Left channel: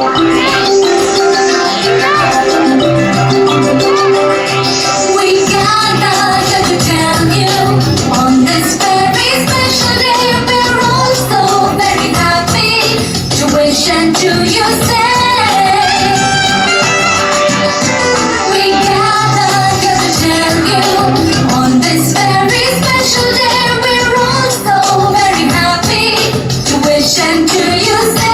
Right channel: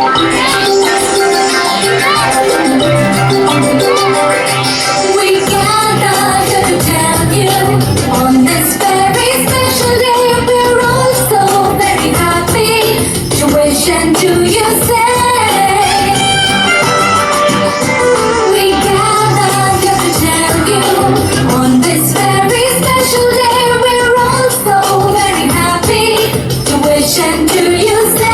We gather here to tell you on this very special day we're all so very happy to wish and to you say. We gather here to tell you on this very special day we're all so very happy to wish and to you say.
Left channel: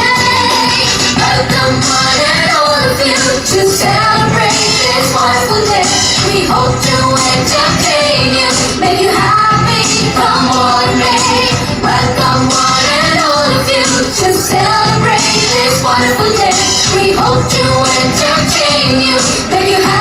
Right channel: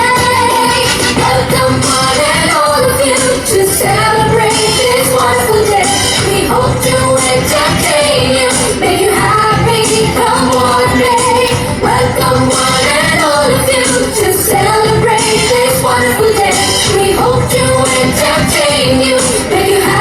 Welcome one and all of you to celebrate this wonderful day. We hope to entertain you, make you happy, come on, May. Welcome one and all of you to celebrate this wonderful day. We hope to entertain you, make you happy.